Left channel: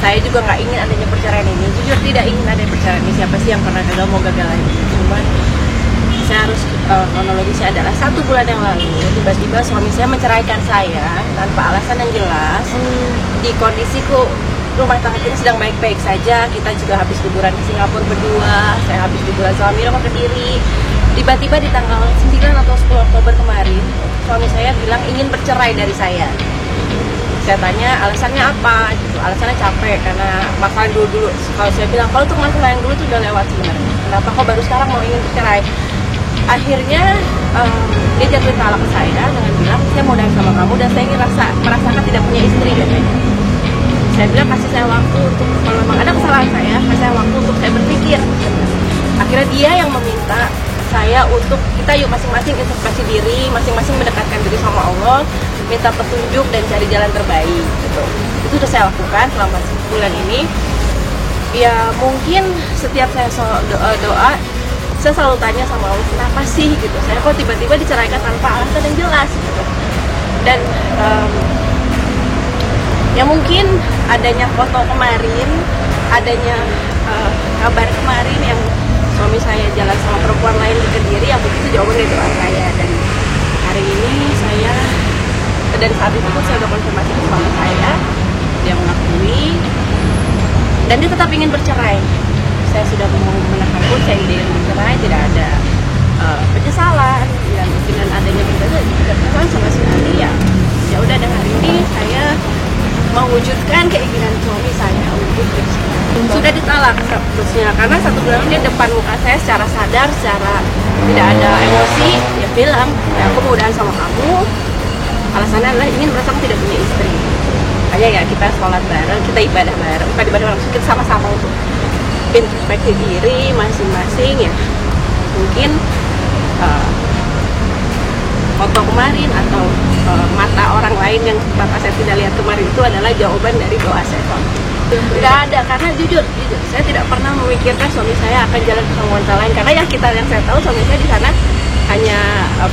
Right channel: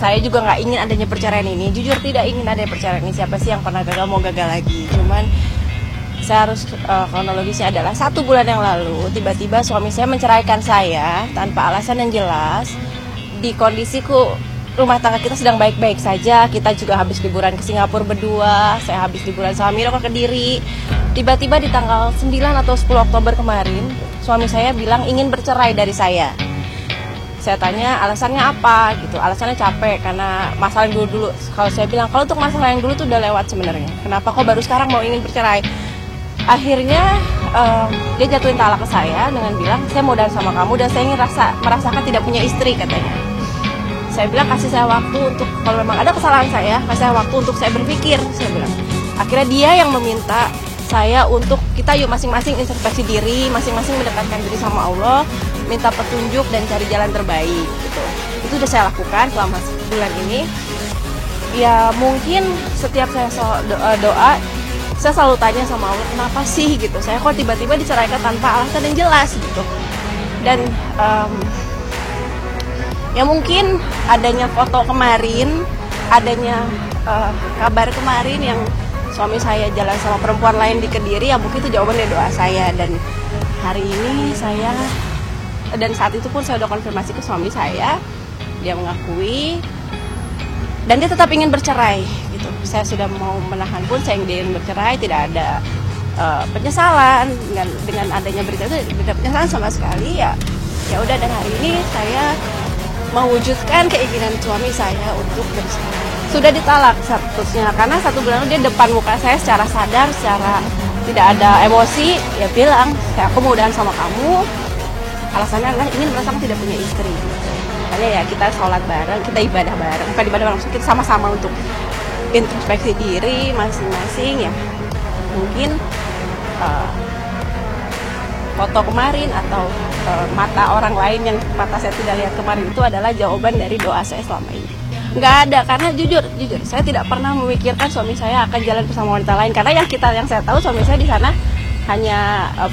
saya juga nggak ingin adanya perceraian ini, jujur tidak ingin ada perceraian ini. Siapa sih yang pernah gagal mau gagal lagi? Cuman saya harus kronologisnya adalah 1 bulan yang lalu tiba-tiba suami saya menceraikan saya tanpa alasan yang jelas. Di kondisiku rumah tangga kita sedang baik-baik saja, kita juga habis liburan ke Singapura berdua, saya habis liburan sama Mira ke Kediri. Tiba-tiba di tanggal 9 atau 10 Oktober kemarin suami saya bilang ingin bercerai dari saya. Saya tanya alasannya apa gitu, alasannya capek karena masalah yang dulu. Kalau saya bilang kalau untuk masalah yang dulu itu udah lewat sebenarnya, kenapa kok baru sekarang mau ingin bercerai? Akhirnya dia jatuhin talak ke saya dengan bilang saya mau udahan sama kamu dan saya ingin merasakan tidak punya istri katanya. Saya bilang kasih saya waktu untuk, kalau memang ada kesalahan saya kasih saya waktu untuk saya berpikir, saya bilang. Akhirnya dia yang meminta saya untuk kita yuk masing-masing introspeksi diri, masing-masing mendekatkan diri sama Allah, minta petunjuk dan cari jalan terbaik gitu. Itu sudah saya lakukan selama bulan ini. Ya mungkin setiap saya doa saya selalu tanya sama Allah, kenapa sih gitu, saya kok tiba-tiba diceraikan tanpa alasan yang jelas gitu. Dan ya mungkin adanya foto kemarin, adanya kabar kemarin yang suami saya jalan sama perempuan lain di Kediri, ya mungkin itu jawaban dari doa saya. Dan hari ini saya, dan saat itu pun saya udah konfirmasi ke suami saya, dia mengakui dan dia tetap ingin bercerai. Saya sudah mau menahan pun, saya ingin bercerai, tidak ada penyesalan dengan adanya tidak penyesalan sama sekali. Ya udah, dan hari ini saya mewujudkan keinginan suami saya untuk bercerai. Sudah ditalak statusnya karena 1 bulan dia depan muka saya secara sadar, secara tidak ada emosi, dia bilang aku mau udahan sama kamu, alasannya adalah ingin merasa aku tidak punya istri. Hanya ya kita sholat bareng, kita ibadah bareng, maksudnya kita sama-sama untuk introspeksi diri masing-masing. Ya mungkin foto kemarin atau mata orang lain yang bapak saya tidak lihat kemarin itu adalah jawaban dari doa saya suami. Nggak ada, karena jujur saya tidak pernah memikirkan suami saya akan jalan bersama wanita lain, karena yang saya tahu suami saya di sana hanya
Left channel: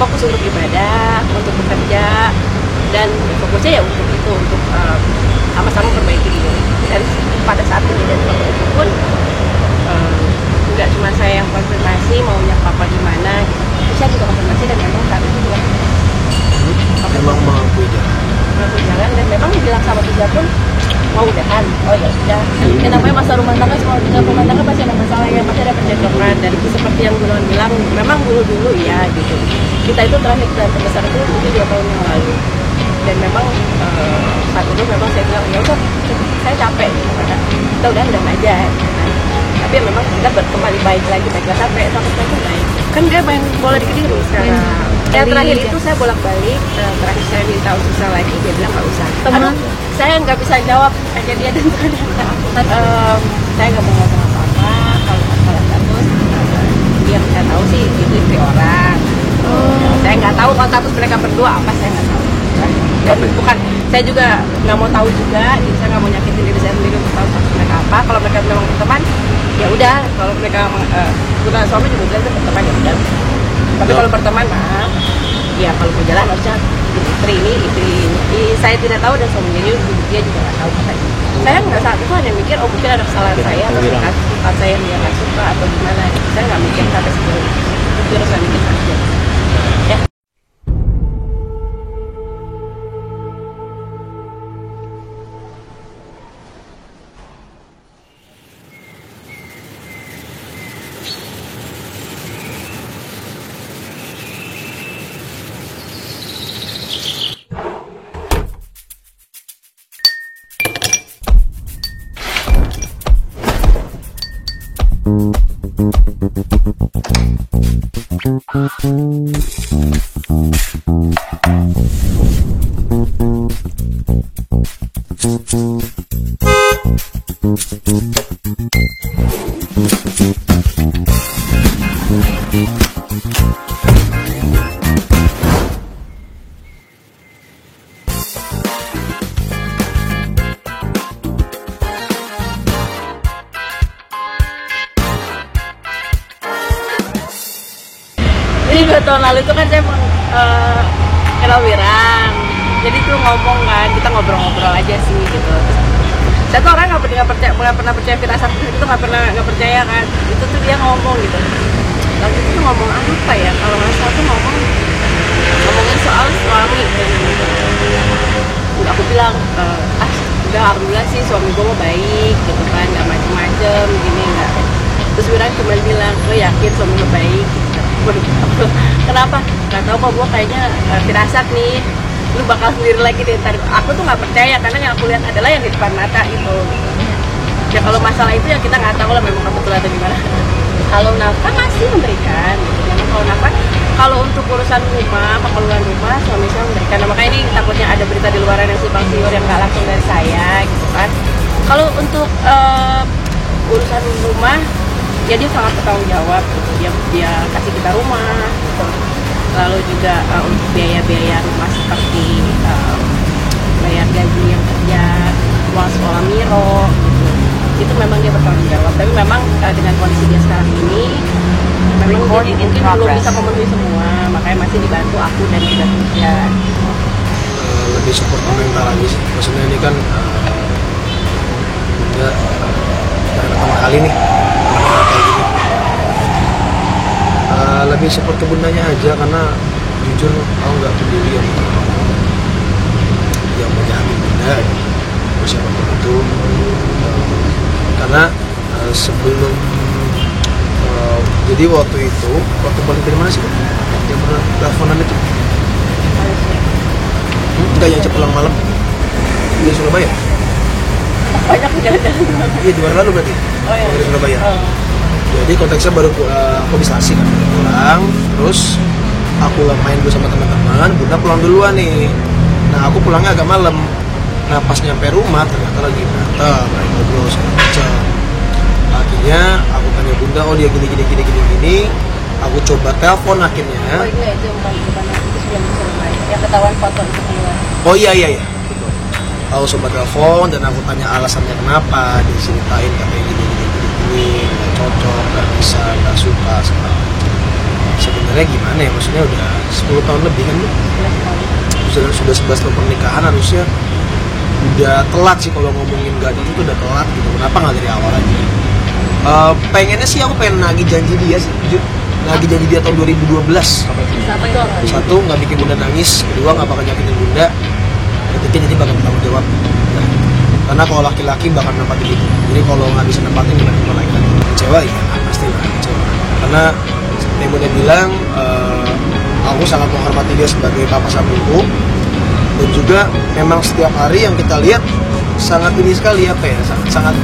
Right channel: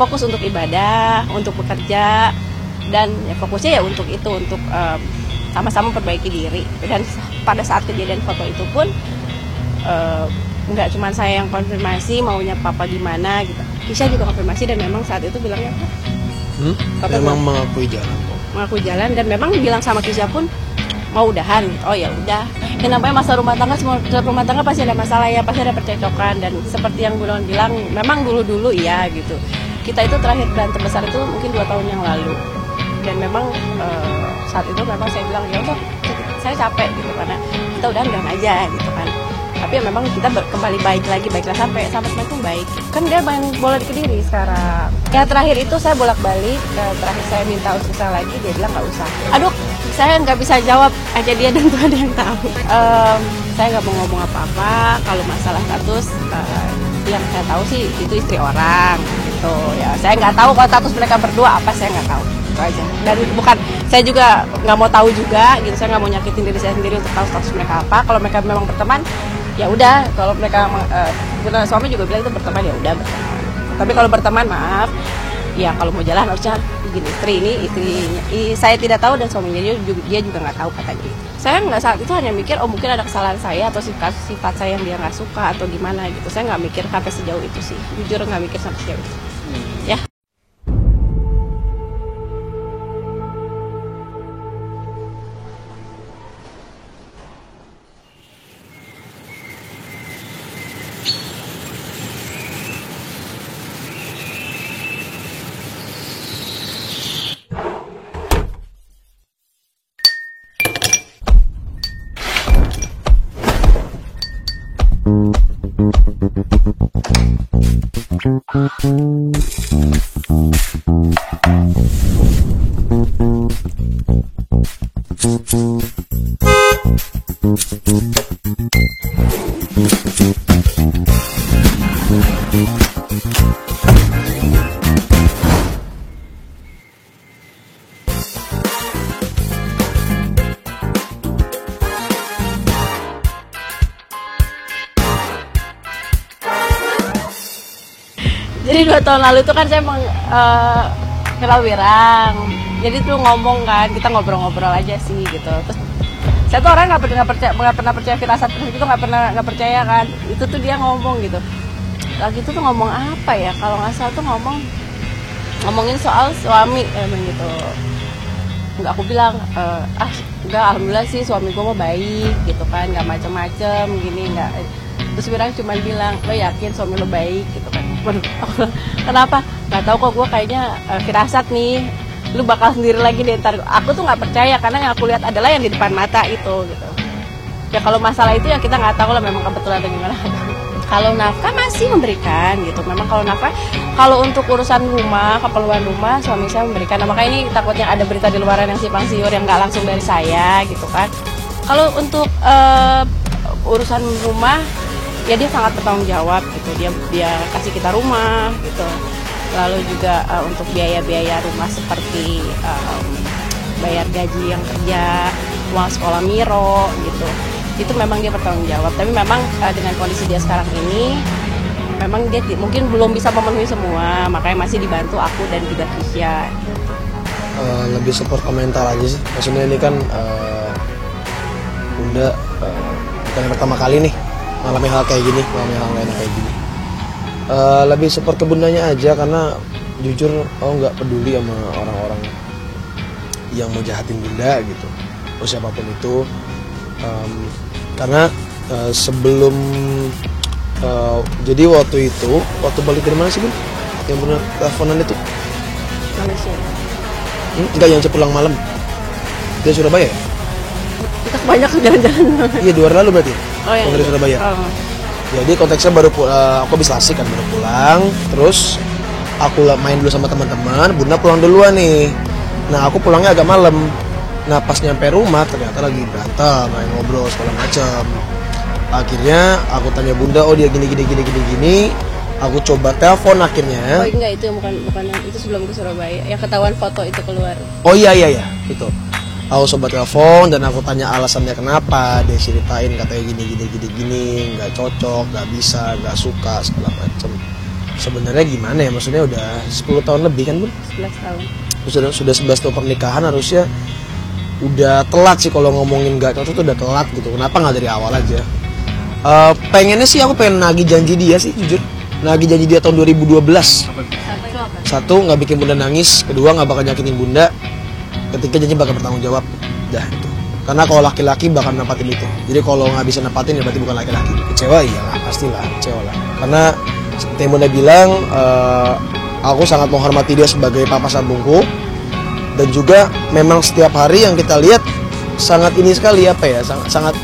fokus untuk ibadah, untuk bekerja, dan fokusnya ya untuk itu, untuk sama-sama perbaiki diri. Dan pada saat kejadian foto itu pun nggak cuma saya yang konfirmasi maunya papa gimana gitu. Saya juga konfirmasi dan memang saat itu bilang memang mengakui jalan dan memang bilang sama Tisha pun mau udahan. Oh ya udah, dan namanya masa rumah tangga, semua rumah tangga pasti ada masalah ya, pasti ada percekcokan. Dan seperti yang Gunawan bilang, memang dulu ya gitu, kita itu terakhir berantem besar itu mungkin 2 tahun yang lalu. Dan memang saat itu memang saya bilang ya udah, saya capek gitu, karena kita udah aja gitu. Tapi memang kita kembali baiklah sampai sekarang baik. Kan dia pengen bola di Kediri sekarang. Ya terakhir itu saya bolak-balik, terakhir saya minta untuk saya lagi, dia bilang nggak usah. Aduh, saya nggak bisa jawab aja dia dan saya nggak mau ngomong apa-apa kalau masalah status. Yang saya tahu sih itu istri orang gitu. Ya, saya nggak tahu kalau status mereka berdua apa, saya nggak tahu. Dan bukan, saya juga nggak mau tahu juga, gitu. Saya nggak mau nyakitin diri saya sendiri untuk tahu status mereka apa. Kalau mereka memang berteman, ya udah. Kalau mereka bukan suami juga bilang itu berteman, ya udah. Tapi kalau berteman, maaf, ya kalau mau jalan harusnya istri ini. Saya tidak tahu dan suaminya dia juga nggak tahu katanya. Saya nggak saat itu hanya mikir, oh mungkin ada kesalahan saya atau sifat saya yang dia nggak suka atau gimana gitu. Saya nggak mikir sampai sejauh itu sih. Jujur nggak mikir saja. Ya. Jadi 2 tahun lalu itu kan saya emang kelawirang, jadi tuh ngomong kan, kita ngobrol-ngobrol aja sih gitu. Terus Saya tuh orang nggak pernah percaya firasat itu, nggak percaya kan. Itu tuh dia ngomong gitu. Lagi itu ngomong apa ya? Kalau nggak salah tuh ngomongin soal suami. Aku bilang, enggak, alhamdulillah sih suami gue baik gitu kan, nggak macem-macem gini nggak. Terus Wira cuma bilang, lo yakin suami lo baik? Gitu. Kenapa? Gak tau kok, gue kayaknya firasat nih, lu bakal sendiri lagi deh. Aku tuh nggak percaya karena yang aku lihat adalah yang di depan mata itu. Ya kalau masalah itu ya kita nggak tahu lah memang kebetulan dari mana. Kalau nafkah masih memberikan gitu. Memang kalau nafkah, kalau untuk urusan rumah, keperluan rumah, suami saya memberikan. Nah, makanya ini takutnya ada berita di luaran yang simpang siur yang nggak langsung dari saya gitu kan. Kalau untuk urusan rumah, ya dia sangat bertanggung jawab gitu. Dia kasih kita rumah gitu. Lalu juga untuk biaya-biaya rumah seperti bayar gaji yang kerja, uang sekolah Miro gitu. Itu memang dia bertanggung jawab. Tapi memang dengan kondisi dia sekarang ini, memang dia mungkin belum bisa memenuhi semua, makanya masih dibantu aku dan juga Tusya. Lebih support mental aja sih. Maksudnya ini kan Bunda pertama kali nih mengenal kayak gini. Lebih support ke bundanya aja karena jujur aku nggak peduli yang orang-orang yang menjahatin bunda gitu. Terus siapapun itu karena sebelum jadi waktu balik dari mana sih yang mana teleponan itu Malaysia enggak yang pulang malam dia Surabaya banyak jalan-jalan. Iya 2 hari lalu berarti. Oh iya. Dari Surabaya. Oh. Jadi konteksnya baru aku bisa asik kan pulang, terus aku main dulu sama teman-teman, bunda pulang duluan nih. Nah aku pulangnya agak malam. Nah pas nyampe rumah ternyata lagi berantem, lagi ngobrol segala macam. Akhirnya aku tanya bunda, oh dia gini. Aku coba telepon akhirnya. Oh iya itu bukan itu sebelum ke Surabaya. Yang ketahuan foto itu keluar. Oh iya. Gitu. Aku coba telepon dan aku tanya alasannya kenapa. Dia ceritain katanya gini, nggak cocok, nggak bisa, nggak suka segala macam. Sebenarnya gimana ya? Maksudnya udah 10 tahun lebih kan? 11 tahun. Sudah 11 tahun pernikahan harusnya udah telat sih kalau ngomongin nggak cocok tuh udah telat gitu. Kenapa nggak dari awal aja? Pengennya sih aku pengen nagih janji dia sih, jujur. Nagih janji dia tahun 2012. Satu, nggak bikin bunda nangis. Kedua, nggak bakal nyakitin bunda. Ketiga, janji bakal bertanggung jawab. Ya. Karena kalau laki-laki bakal nempatin itu. Jadi kalau nggak bisa nempatin, berarti bukan laki-laki. Kecewa iya, pastilah kecewa. Karena seperti yang bunda bilang, aku sangat menghormati dia sebagai papa sambungku. Dan juga memang setiap hari yang kita lihat sangat ini sekali apa ya, sangat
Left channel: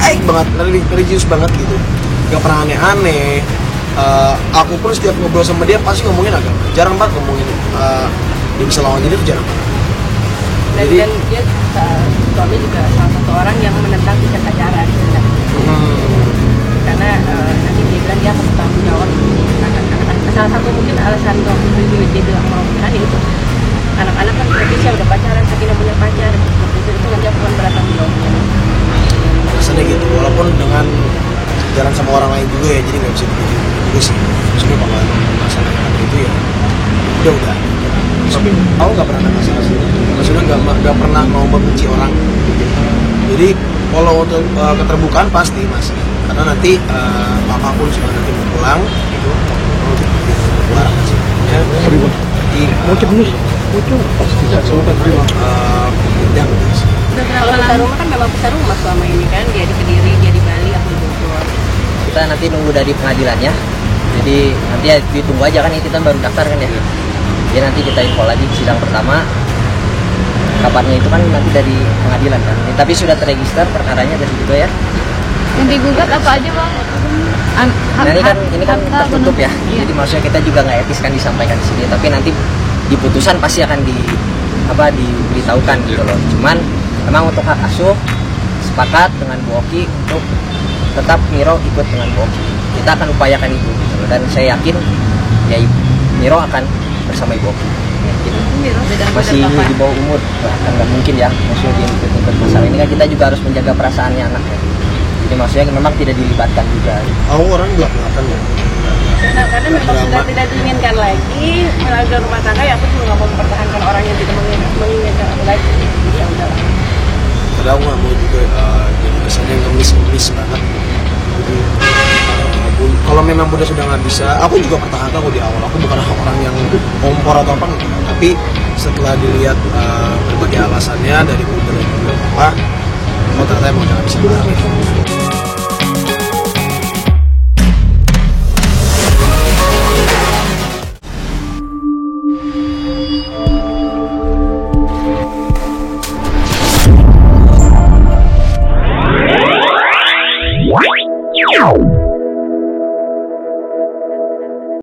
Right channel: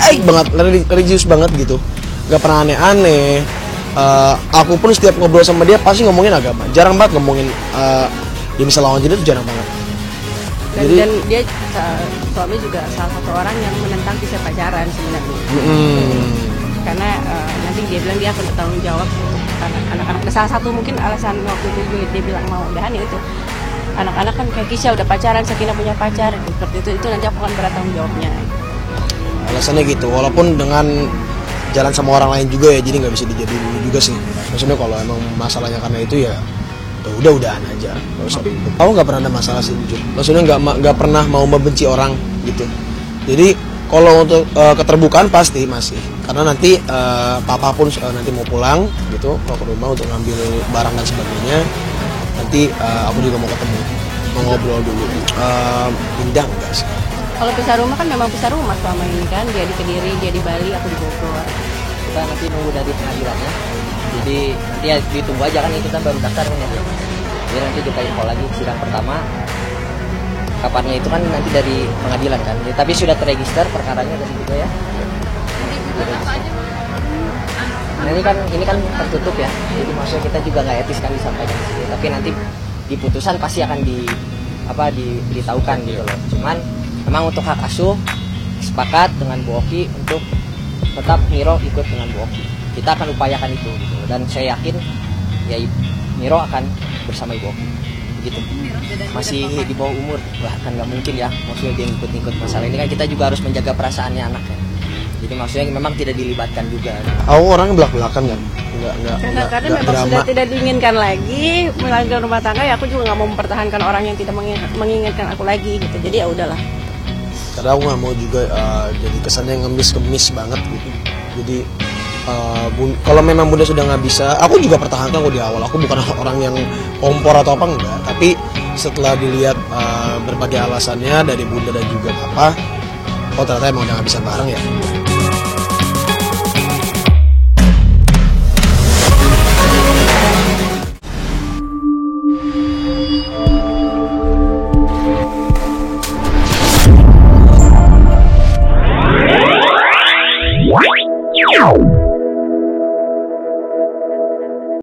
baik banget, religius banget gitu. Gak pernah aneh-aneh. Aku pun setiap ngobrol sama dia pasti ngomongin agama. Jarang banget ngomongin dia bisa lawan jenis, jarang banget. Dan dia suami juga salah satu orang yang menentang kisah pacaran sebenarnya. Karena nanti dia bilang dia bertanggung jawab anak-anak. Salah satu mungkin alasan waktu itu dia bilang mau berani itu. Anak-anak kan bisa udah pacaran, Sakinah punya pacar, itu nanti aku kan bertanggung jawabnya. Alasannya gitu, walaupun dengan jalan sama orang lain juga ya, jadi nggak bisa dijadiin juga sih. Maksudnya kalau emang masalah yang ada itu ya udah aja. Tapi aku nggak pernah ada masalah sih. Maksudnya nggak pernah mau membenci orang gitu. Jadi kalau untuk keterbukaan pasti masih, karena nanti papa pun sudah nanti mau pulang gitu, mau ambil barang dan sebagainya. Nanti bidang sih. Kalau bisa rumah kan memang bisa rumah selama ini kan, dia di Kediri, dia di Bali, aku di Bogor. Kita nanti nunggu dari pengadilan ya. Jadi nanti ya ditunggu aja kan, ya kita baru daftar kan ya. Jadi nanti kita info lagi sidang pertama. Kabarnya itu kan nanti dari pengadilan kan. Tapi sudah terregister perkaranya dari juga ya. Yang digugat apa aja bang? Ini kan tertutup ya. Jadi maksudnya kita juga nggak etis kan disampaikan di sini. Tapi nanti di putusan pasti akan diberitahukan gitu loh. Cuman memang untuk hak asuh sepakat dengan Bu Oki untuk tetap Miro ikut dengan Bu Oki. Kita akan upayakan itu gitu loh. Dan saya yakin ya Miro akan bersama Ibu Oki. Gitu. Masih di bawah umur, kan nggak mungkin ya. Maksudnya dia ikut masalah ini kan kita juga harus menjaga perasaannya anak ya. Jadi maksudnya memang tidak dilibatkan juga. Aku orang belak-belakan ya. Karena memang sudah tidak diinginkan lagi melanggar rumah tangga, ya aku juga nggak mau mempertahankan orang yang tidak menginginkan aku lagi gitu. Jadi ya udahlah. karena aku nggak mau juga jadi kesannya ngemis banget gitu. Kalau memang udah sudah nggak bisa, aku juga pertahankan kok di awal. Aku bukan orang yang kompor atau apa enggak, tapi setelah dilihat berbagai alasannya dari Bunda dan juga apa, ternyata emang udah nggak bisa bareng ya.